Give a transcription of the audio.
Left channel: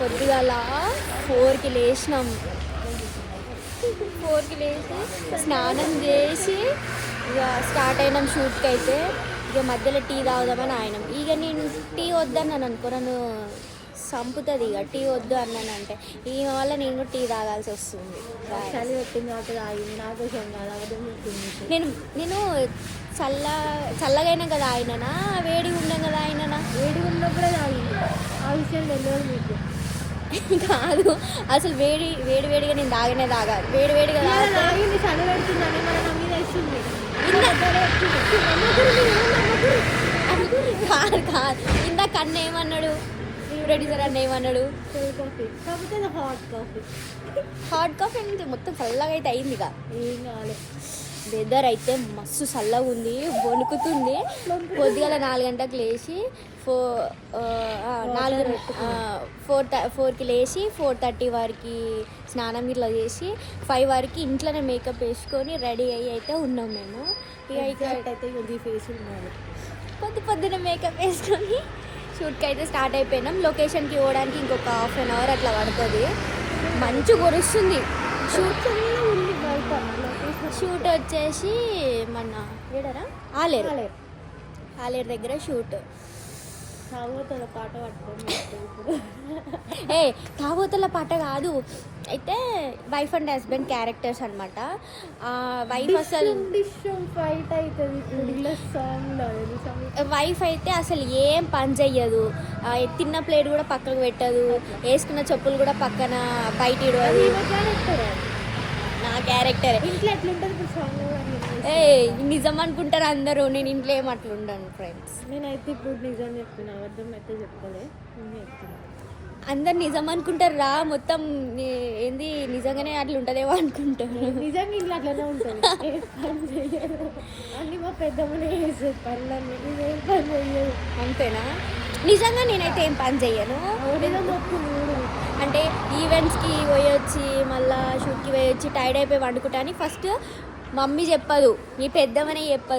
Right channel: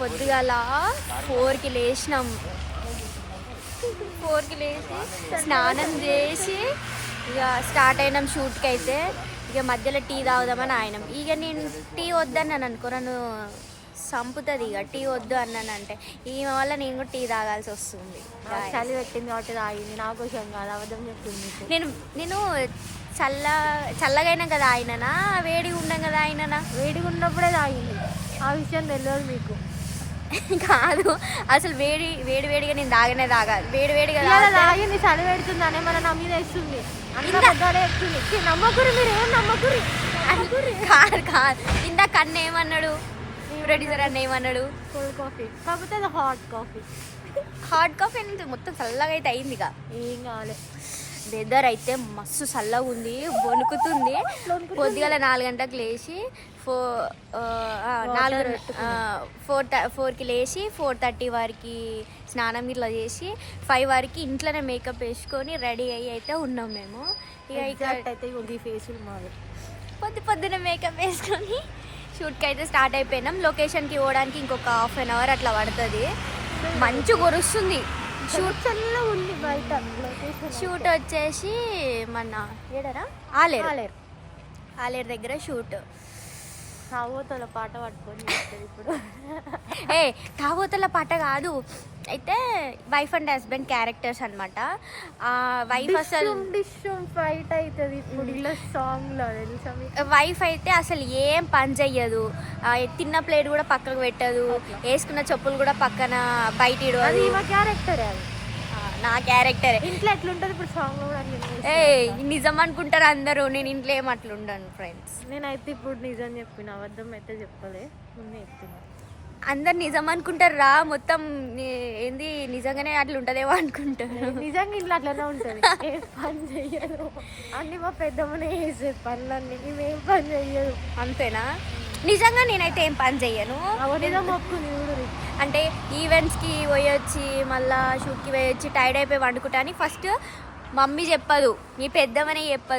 పొద్దుగాల 4కి లేచినాం. 4కి లేచి స్నానం చేసి ఇక స్టార్ట్ అయినాం షూట్కి. అయితే ఇక మధ్యలో టీ తాగుదామని ఆయనం. ఇక నేను టీ వద్దన్నాను అనుకో, నన్ను సంపుతుంది. ఇక టీ వద్దు అన్నానంటే ఈమె వల్ల నేను కూడా టీ తాగాల్సి వస్తుంది. చలి పెట్టింది కాబట్టి తాగింది, నా కోసం కాదు, అబద్ధం చెప్తుంది. నేను చల్లగైనా కదా ఆయననా, వేడిగా ఉన్నాం కదా ఆయననా. వేడిగా ఉన్నప్పుడే తాగింది, ఆ విషయం తెలియదు మీకు. కాదు అసలు వేడిగా నేను తాగాలి. వేడిగా తాగింది, చలి పెడుతుందనే మన నా మీద ఇస్తుంది. నమ్మకూరి మీరు ఏం నమ్మకూరి. కాదు ఇందాక అన్న ఏమన్నాడు, ప్రొడ్యూసర్ అన్న ఏమన్నాడు, కోల్డ్ కాఫీ కాకపోతే అది హాట్ కాఫీ మొత్తం చల్లగా అయితే అయింది. ఇక ఏం కావాలి. వెదర్ అయితే మస్తు చల్లగా ఉంది, వణుకుతుంది. పొద్దుగాల 4 గంటలకు లేచి 4కి లేచి 4:30 వరకు స్నానం ఇట్లా చేసి 5 వరకు ఇంట్లోనే మేకప్ వేసుకొని రెడీ అయ్యి అయితే ఉన్నాం మేము. ఇక అయితే ఈ ఫేస్ పొద్దున మేకప్ వేసుకొని షూట్కి అయితే స్టార్ట్ అయిపోయినాం. లొకేషన్కి పోవడానికి ఇంకొక ½ an hour అట్లా పడుతుంది. మంచు కురుస్తుంది. ఉంది బయట. షూట్ వచ్చేసి మన ఏడరా ఆలేరు దగ్గర షూట్. తాగోతల పాట పట్టుకొని ఇప్పుడు తాగోతల పాట కాదు, అయితే వైఫ్ అండ్ హస్బెండ్ క్యారెక్టర్స్ అనమాట. వైఫ్ అసలు ఫైట్ అవుతుంది ఇప్పుడు ఇలా సాంగ్లో. వైఫ్ అయితే అసలు ఏం పని చెయ్యదు, తిన్న ప్లేట్ కూడా పక్కకు పెట్టదు, వేసుకున్న చెప్పులు కూడా పక్కన బయట ఇడవదు. నా క్యారెక్టర్ ఇంట్లో ఎట్లుంటుంది ఇప్పుడు సాంగ్ కూడా. నిజం అనుకుంటారు అందరూ, నేను ఇంట్లో ఏం అట్లుండను ఫ్రెండ్స్. నేనైతే ఇప్పుడు నిజం చెప్పిన, అబద్ధం అయితే చెప్పలే. నేను చెప్తున్నా, అందరు నిజం అనుకుంటారు రా. మొత్తం ఏంది నిజంగానే అట్లా ఉంటుందేమో అనుకుంటారు. నిజంగా ఇంట్లో అట్లనే ఉంటుంది. ఏ పని చెయ్యదు, అన్ని మా పెద్దమ్మనే వేసేది పనులన్నీ, మేమేం పని చెయ్యదు. అంతేనా? నిజంగా నేనైతే ఏం పని చెయ్యను. అంటే ఈవెంట్స్కి పోయొచ్చి మళ్ళీ షూట్కి పోయొచ్చి టైర్డ్ అయిపోయి వండుకుంటాను. ఫస్ట్ మమ్మీ చెప్పదు, మీ పెద్దమనే చెప్పదు.